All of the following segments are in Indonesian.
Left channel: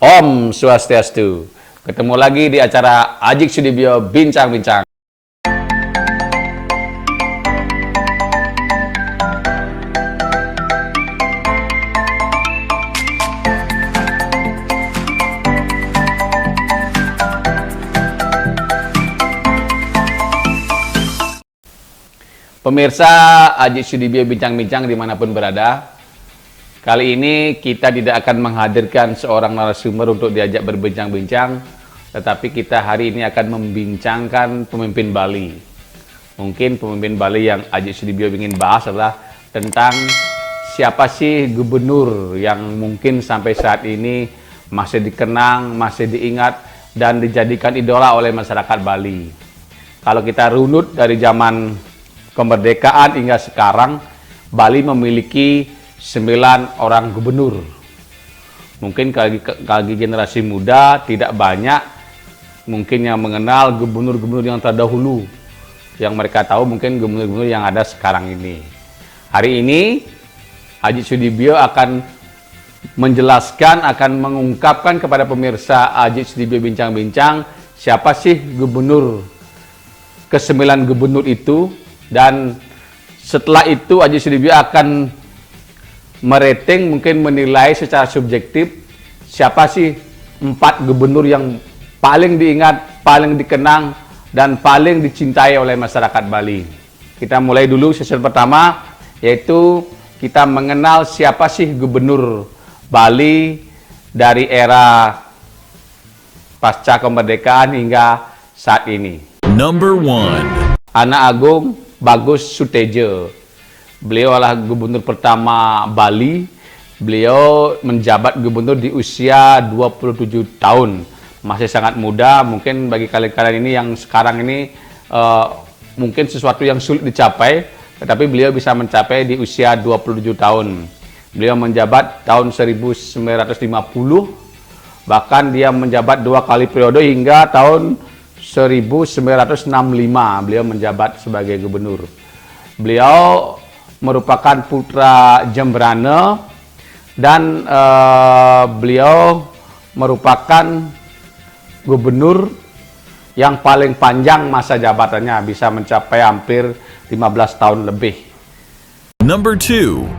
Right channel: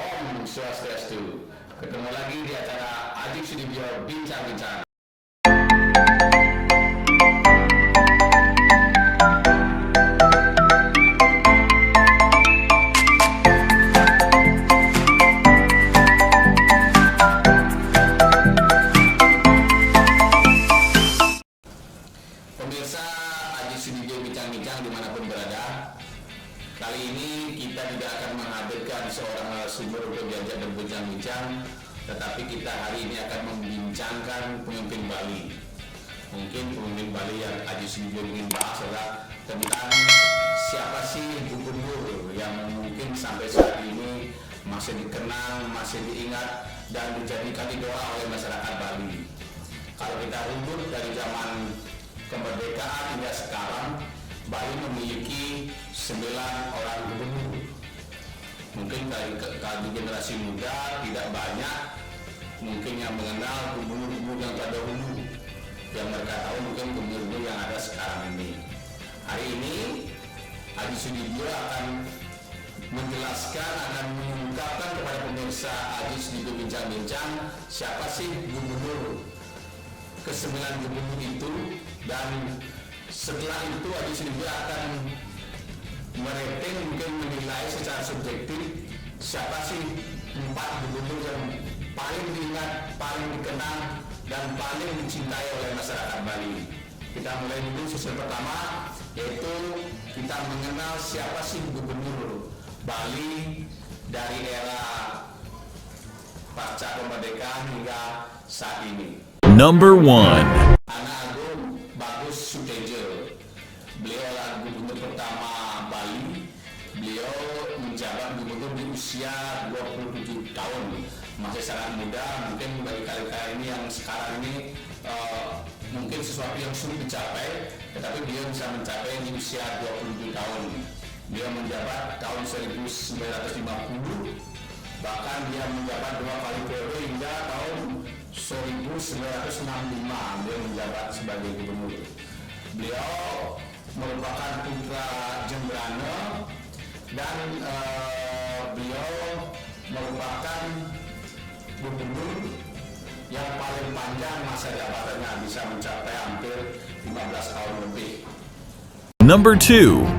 Om Swastiastu. Ketemu lagi di acara Ajik Sudibyo Bincang-Bincang. Pemirsa Ajik Sudibyo Bincang-Bincang dimanapun berada, kali ini kita tidak akan menghadirkan seorang narasumber untuk diajak berbincang-bincang, tetapi kita hari ini akan membincangkan pemimpin Bali. Mungkin pemimpin Bali yang Ajik Sudibyo ingin bahas adalah tentang siapa sih gubernur yang mungkin sampai saat ini masih dikenang, masih diingat, dan dijadikan idola oleh masyarakat Bali. Kalau kita runut dari zaman kemerdekaan hingga sekarang, Bali memiliki 9 orang gubernur. Mungkin bagi generasi muda tidak banyak mungkin yang mengenal gubernur-gubernur yang terdahulu. Yang mereka tahu mungkin gubernur-gubernur yang ada sekarang ini. Hari ini Ajik Sudibyo akan menjelaskan, akan mengungkapkan kepada pemirsa Ajik Sudibyo Bincang-Bincang siapa sih gubernur ke-9 gubernur itu. Dan setelah itu Ajik Sudibyo akan merating, mungkin menilai secara subjektif siapa sih 4 gubernur yang paling diingat, paling dikenang, dan paling dicintai oleh masyarakat Bali. Kita mulai dulu sesi pertama, yaitu kita mengenal siapa sih gubernur Bali dari era pasca kemerdekaan hingga saat ini. Number 1. Anak Agung Bagus Sutejo. Beliau adalah gubernur pertama Bali. Beliau menjabat gubernur di usia 27 tahun. Masih sangat muda, mungkin bagi kalian ini yang sekarang ini mungkin sesuatu yang sulit dicapai, tetapi beliau bisa mencapai di usia 27 tahun. Beliau menjabat tahun 1950, bahkan dia menjabat 2 kali periode hingga tahun 1965 beliau menjabat sebagai gubernur. Beliau merupakan putra Jembrane dan beliau merupakan gubernur yang paling panjang masa jabatannya, bisa mencapai hampir 15 tahun lebih. Number 2.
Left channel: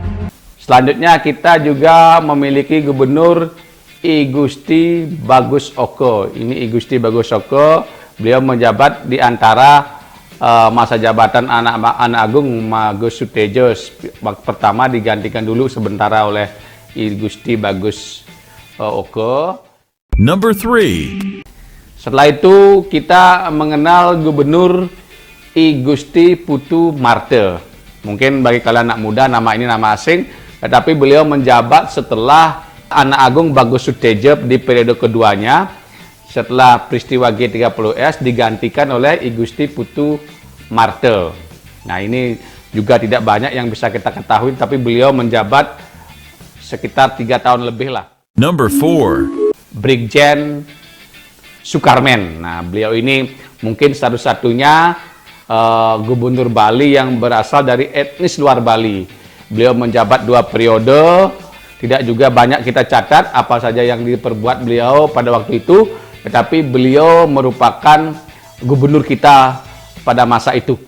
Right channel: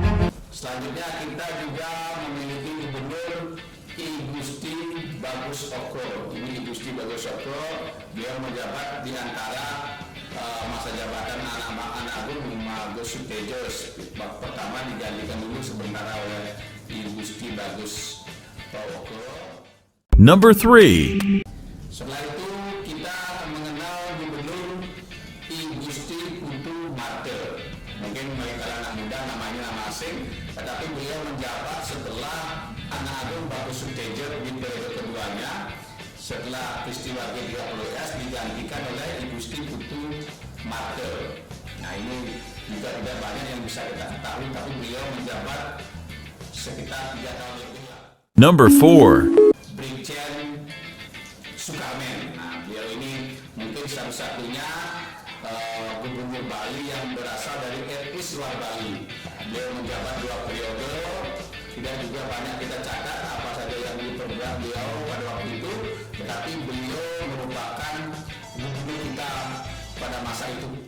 Selanjutnya kita juga memiliki gubernur I Gusti Bagus Oko. Ini I Gusti Bagus Oko. Beliau menjabat di antara masa jabatan anak Agung Bagus Sutejo pertama digantikan dulu sementara oleh I Gusti Bagus Oko. Number 3. Setelah itu kita mengenal gubernur I Gusti Putu Marte. Mungkin bagi kalian anak muda nama ini nama asing, tetapi beliau menjabat setelah anak Agung Bagus Sutejo di periode keduanya. Setelah peristiwa G30S digantikan oleh I Gusti Putu Marte. Nah, ini juga tidak banyak yang bisa kita ketahui, tapi beliau menjabat sekitar 3 tahun lebih lah. Number 4. Brigjen Sukarmen. Nah, beliau ini mungkin satu-satunya gubernur Bali yang berasal dari etnis luar Bali. Beliau menjabat 2 periode. Tidak juga banyak kita catat apa saja yang diperbuat beliau pada waktu itu. Tetapi beliau merupakan gubernur kita pada masa itu.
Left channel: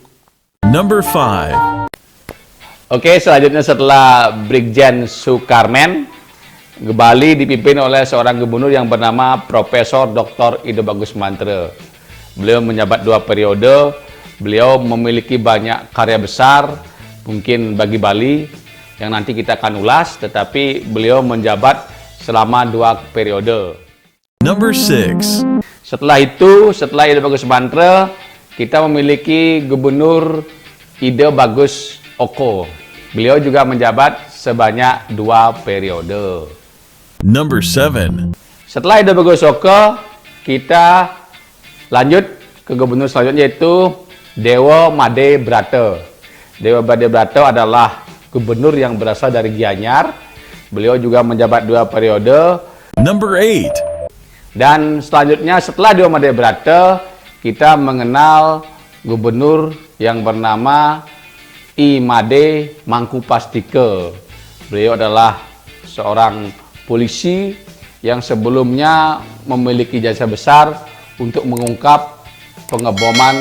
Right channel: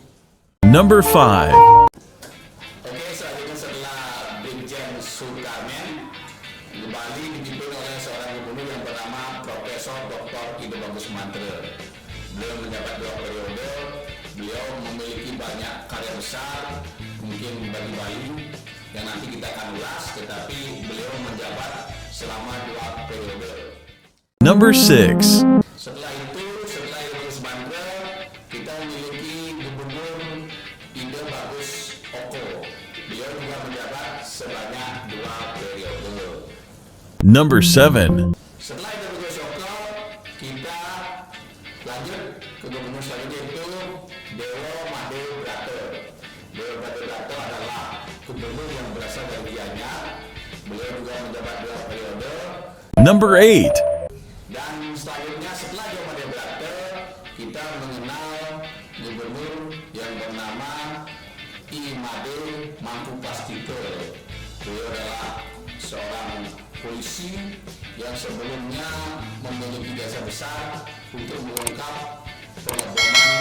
Number 5. Oke, selanjutnya setelah Brigjen Sukarmen, Bali dipimpin oleh seorang gubernur yang bernama Profesor Dr. Ido Bagus Mantre. Beliau menjabat 2 periode. Beliau memiliki banyak karya besar, mungkin bagi Bali, yang nanti kita akan ulas, tetapi beliau menjabat selama 2 periode. Number 6. Setelah itu, setelah Ido Bagus Mantre, kita memiliki gubernur Ido Bagus Oko. Beliau juga menjabat sebanyak 2 periode. Number 7. Setelah Ido Bagus Oko, kita lanjut ke gubernur selanjutnya, yaitu Dewa Made Brata. Dewa Made Brata adalah gubernur yang berasal dari Gianyar. Beliau juga menjabat 2 periode. Number 8. Dan selanjutnya setelah Dewa Made Brata, kita mengenal gubernur yang bernama I Made Mangkupastike. Beliau adalah seorang polisi yang sebelumnya memiliki jasa besar untuk mengungkap pengeboman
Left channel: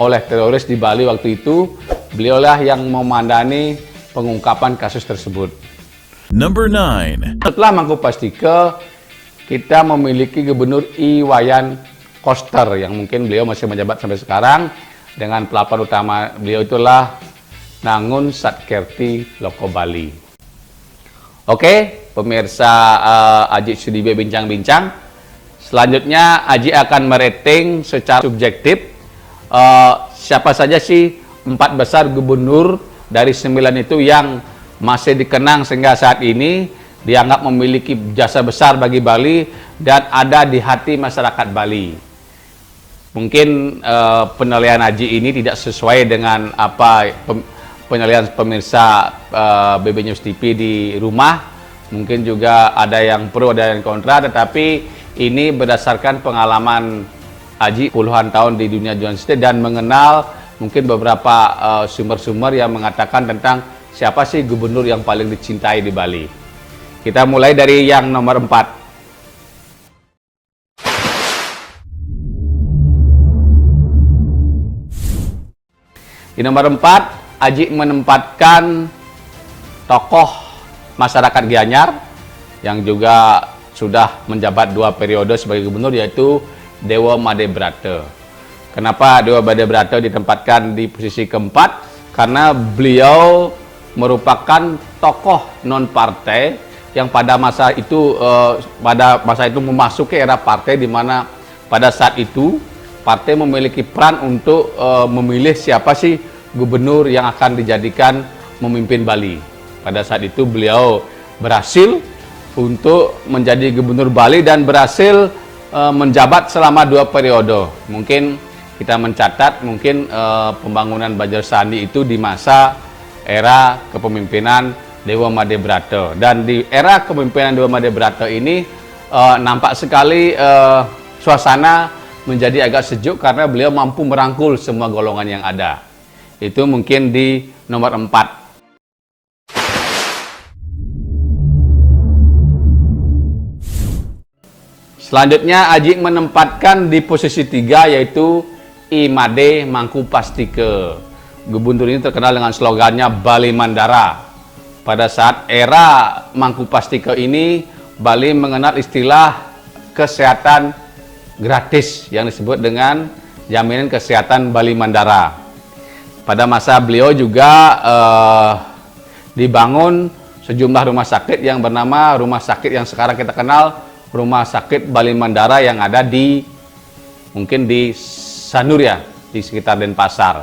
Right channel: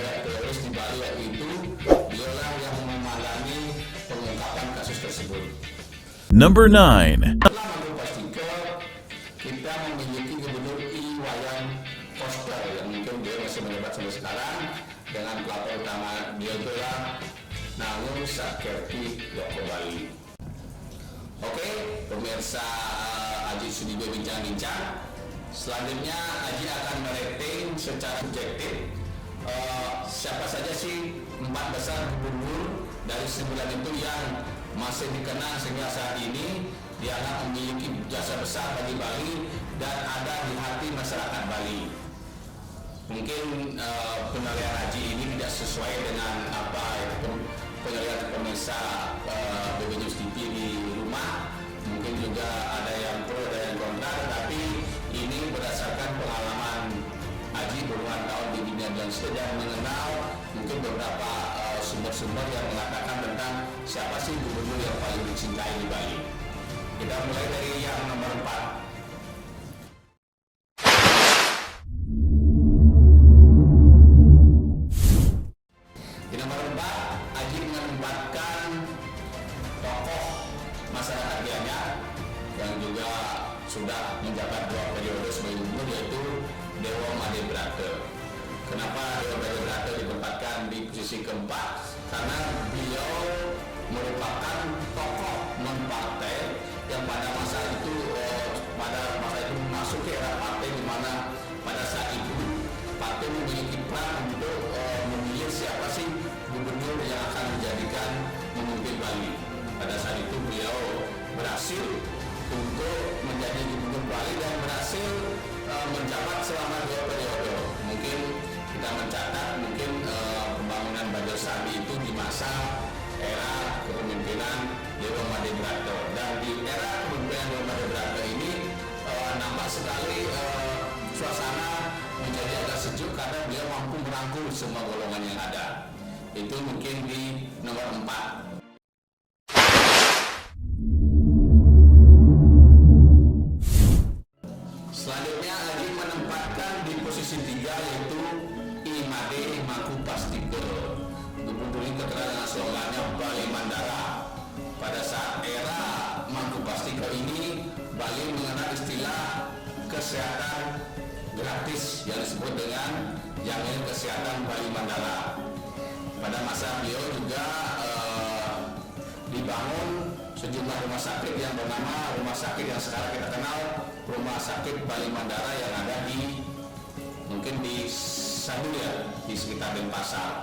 oleh teroris di Bali waktu itu. Beliaulah yang memandani pengungkapan kasus tersebut. Number 9. Setelah Mangku Pastike, kita memiliki Gubernur Iwayan Koster yang mungkin beliau masih menjabat sampai sekarang, dengan pelapor utama beliau itulah Nangun Satkerti Loko Bali. Oke, pemirsa Aji Sudibyo Bincang-Bincang. Selanjutnya Aji akan merating secara subjektif siapa saja sih 4 besar gubernur dari 9 itu yang masih dikenang sehingga saat ini dianggap memiliki jasa besar bagi Bali dan ada di hati masyarakat Bali. Mungkin penilaian Aji ini tidak sesuai dengan apa penilaian pemirsa BB News TV di rumah. Mungkin juga ada yang pro, ada yang kontra, tetapi ini berdasarkan pengalaman Aji puluhan tahun di dunia jurnalistik dan mengenal mungkin beberapa sumber-sumber yang mengatakan tentang siapa sih gubernur yang paling dicintai di Bali. Kita mulai dari yang nomor 4. Di nomor 4, Aji menempatkan tokoh masyarakat Gianyar yang juga sudah menjabat 2 periode sebagai gubernur, yaitu Dewa Made Brata. Kenapa Dewa Made Brata ditempatkan di posisi keempat? Karena beliau merupakan tokoh non-partai yang pada masa itu memasuki era partai, di mana pada saat itu partai memiliki peran untuk memilih siapa sih gubernur yang akan dijadikan memimpin Bali. Pada saat itu beliau berhasil untuk menjadi gubernur Bali dan berhasil menjabat selama 2 periode. Mungkin kita mencatat mungkin pembangunan Banjar Sandi itu di masa era kepemimpinan Dewa Made Brata. Dan di era kepemimpinan Dewa Made Brata ini nampak sekali suasana menjadi agak sejuk karena beliau mampu merangkul semua golongan yang ada. Itu mungkin di nomor 4. Selanjutnya Aji menempatkan di posisi 3, yaitu Imade Mangku Pastike. Gubernur ini terkenal dengan slogannya Bali Mandara. Pada saat era Mangku Pastike ini, Bali mengenal istilah kesehatan gratis yang disebut dengan jaminan kesehatan Bali Mandara. Pada masa beliau juga dibangun sejumlah rumah sakit yang bernama rumah sakit yang sekarang kita kenal Rumah Sakit Bali Mandara yang ada di mungkin di Sanur ya, di sekitar Denpasar.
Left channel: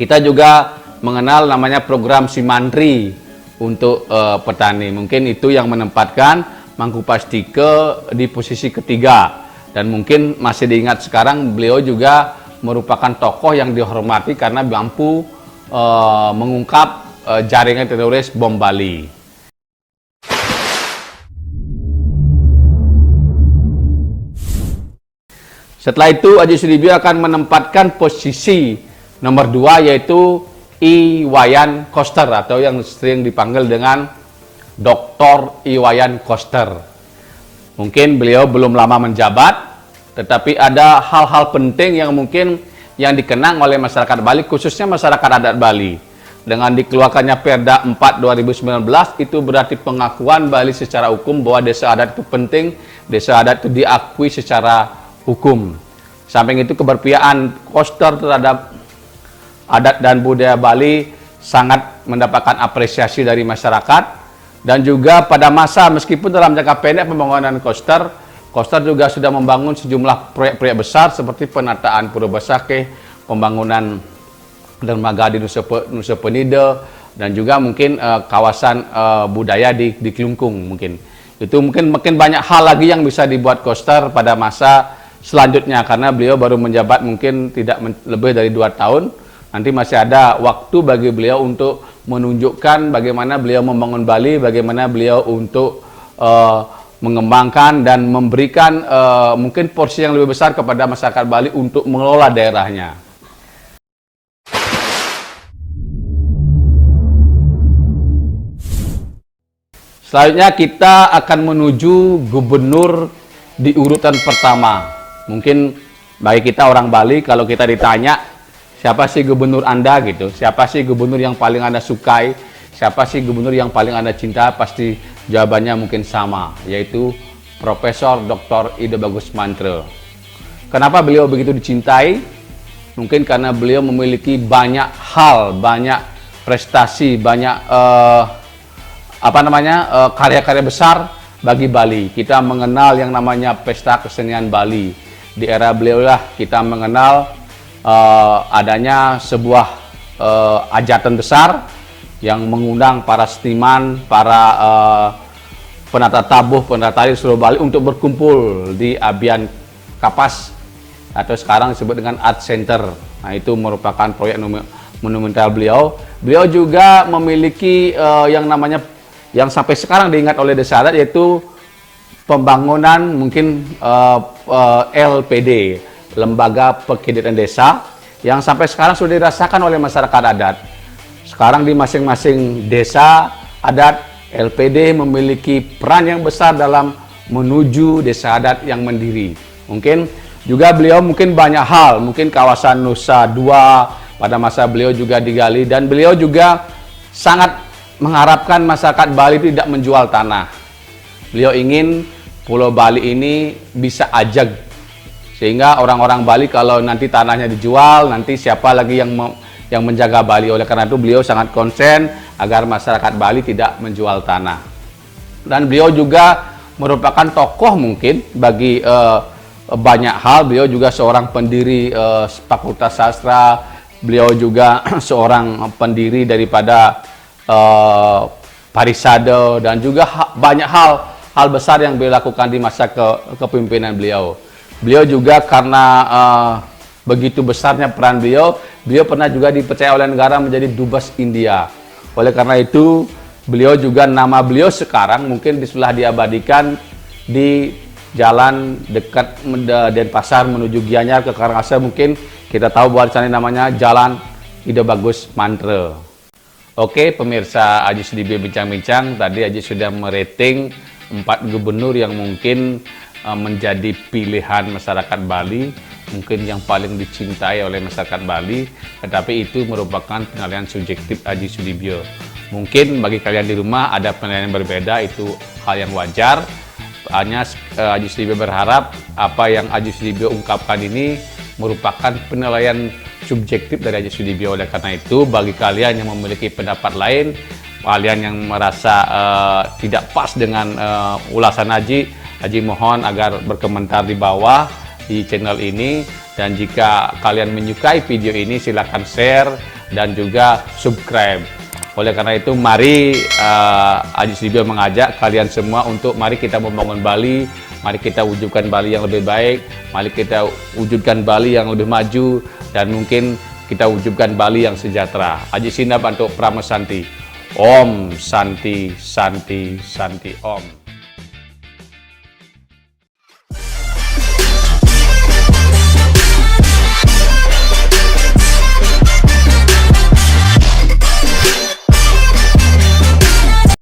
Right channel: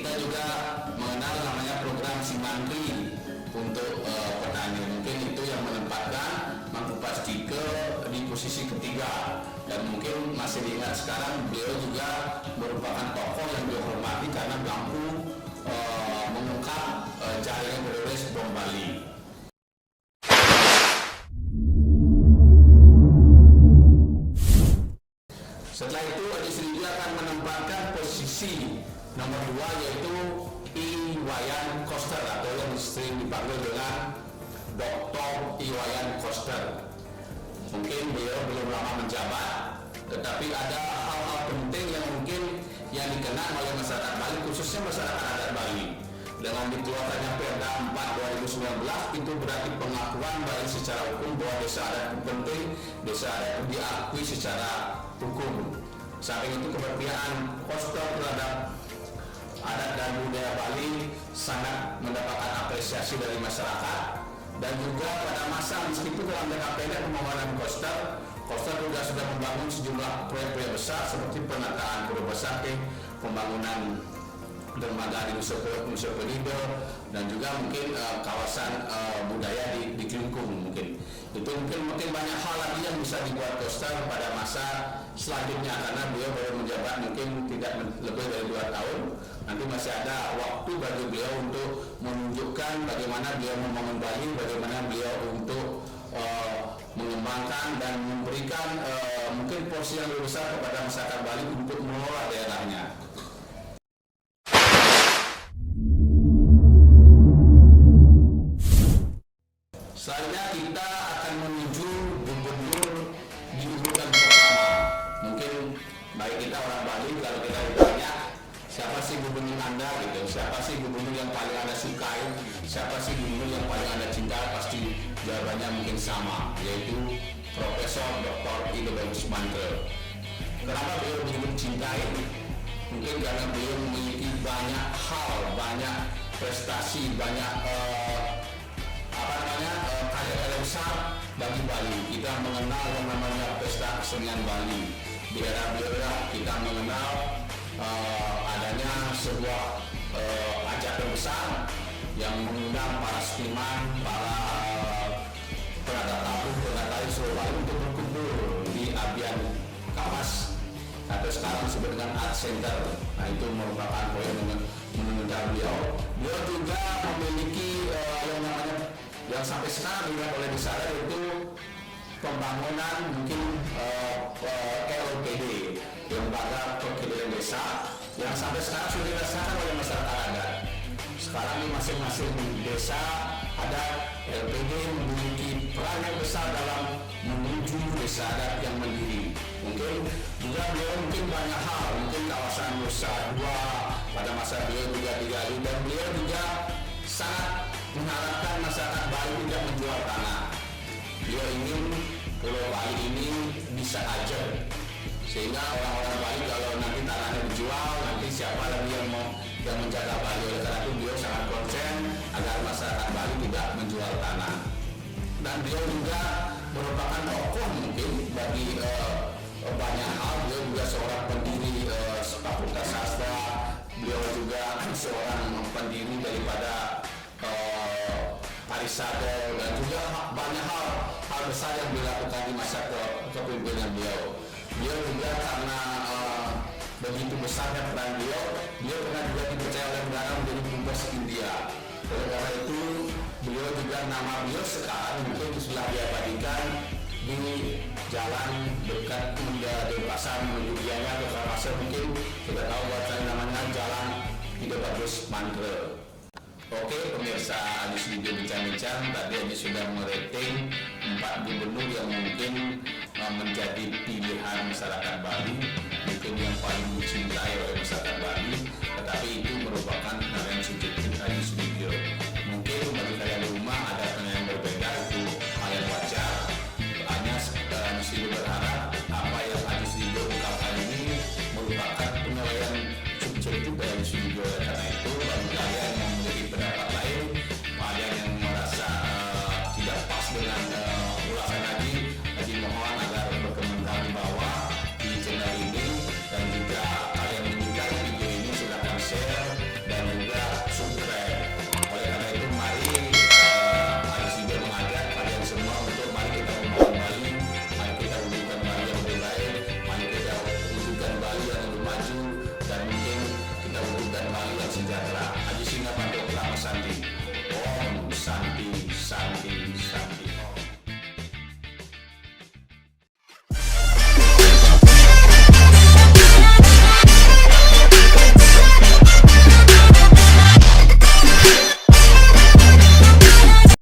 Kita juga mengenal namanya program Simantri untuk petani. Mungkin itu yang menempatkan Mangku Pastike di posisi ketiga. Dan mungkin masih diingat sekarang, beliau juga merupakan tokoh yang dihormati karena mampu mengungkap jaringan teroris bom Bali. Setelah itu Aji Sudibyo akan menempatkan posisi nomor 2, yaitu Iwayan Koster atau yang sering dipanggil dengan Dr. Iwayan Koster. Mungkin beliau belum lama menjabat, tetapi ada hal-hal penting yang mungkin yang dikenang oleh masyarakat Bali, khususnya masyarakat adat Bali. Dengan dikeluarkannya Perda 4 2019, itu berarti pengakuan Bali secara hukum bahwa desa adat itu penting, desa adat itu diakui secara hukum. Samping itu keberpihakan Koster terhadap adat dan budaya Bali sangat mendapatkan apresiasi dari masyarakat. Dan juga pada masa meskipun dalam jangka pendek pembangunan Koster juga sudah membangun sejumlah proyek-proyek besar seperti penataan Pura Besakeh, pembangunan dermaga di Nusa Penida, dan juga mungkin kawasan budaya di Kelungkung. Mungkin itu mungkin banyak hal lagi yang bisa dibuat Koster pada masa selanjutnya, karena beliau baru menjabat mungkin tidak lebih dari 2 tahun. Nanti masih ada waktu bagi beliau untuk menunjukkan bagaimana beliau membangun Bali, bagaimana beliau untuk mengembangkan dan memberikan mungkin porsi yang lebih besar kepada masyarakat Bali untuk mengelola daerahnya. Selanjutnya kita akan menuju gubernur di urutan pertama. Mungkin bagi kita orang Bali, kalau kita ditanya siapa sih gubernur Anda gitu, siapa sih gubernur yang paling Anda sukai, siapa sih gubernur yang paling Anda cinta, pasti jawabannya mungkin sama, yaitu Profesor Dr. Ida Bagus Mantre. Kenapa beliau begitu dicintai? Mungkin karena beliau memiliki banyak hal, banyak prestasi, banyak karya-karya besar bagi Bali. Kita mengenal yang namanya Pesta Kesenian Bali. Di era beliau lah kita mengenal adanya sebuah hajatan besar yang mengundang para seniman, para penata tabuh, penata tari seluruh Bali untuk berkumpul di Abian Kapas atau sekarang disebut dengan Art Center. Nah, itu merupakan proyek monumental beliau. Beliau juga memiliki yang namanya, yang sampai sekarang diingat oleh desa adat, yaitu pembangunan mungkin LPD, Lembaga Pekiditan Desa, yang sampai sekarang sudah dirasakan oleh masyarakat adat. Sekarang di masing-masing desa adat, LPD memiliki peran yang besar dalam menuju desa adat yang mandiri. Mungkin juga beliau mungkin banyak hal, mungkin kawasan Nusa Dua pada masa beliau juga digali, dan beliau juga sangat mengharapkan masyarakat Bali tidak menjual tanah. Beliau ingin Pulau Bali ini bisa ajag, sehingga orang-orang Bali kalau nanti tanahnya dijual, nanti siapa lagi yang menjaga Bali. Oleh karena itu beliau sangat konsen agar masyarakat Bali tidak menjual tanah. Dan beliau juga merupakan tokoh mungkin bagi banyak hal. Beliau juga seorang pendiri Fakultas Sastra, beliau juga seorang pendiri daripada Parisade, dan juga banyak hal besar yang beliau lakukan di masa kepemimpinan beliau. Beliau juga karena begitu besarnya peran beliau pernah juga dipercaya oleh negara menjadi Dubes India. Oleh karena itu, beliau juga, nama beliau sekarang mungkin sudah diabadikan di jalan dekat Denpasar menuju Gianyar ke Karangasem. Mungkin kita tahu bahwa di sana namanya Jalan Ida Bagus Mantre. Oke, pemirsa Aji Sudibyo Bincang-Bincang, tadi Aji sudah merating 4 gubernur yang mungkin menjadi pilihan masyarakat Bali, mungkin yang paling dicintai oleh masyarakat Bali, tetapi itu merupakan penilaian subjektif Aji Sudibyo. Mungkin bagi kalian di rumah ada penilaian yang berbeda, itu hal yang wajar. Hanya Aji Sudibyo berharap apa yang Aji Sudibyo ungkapkan ini merupakan penilaian subjektif dari Aji Sudibyo. Oleh karena itu, bagi kalian yang memiliki pendapat lain, kalian yang merasa tidak pas dengan ulasan Aji mohon agar berkomentar di bawah di channel ini. Dan jika kalian menyukai video ini, silakan share dan juga subscribe. Oleh karena itu, mari Aji Sudibyo mengajak kalian semua untuk mari kita membangun Bali, mari kita wujudkan Bali yang lebih baik, mari kita wujudkan Bali yang lebih maju, dan mungkin kita wujudkan Bali yang sejahtera. Aji Sinda Bantu Pramesanti. Om Santi Santi Santi Om.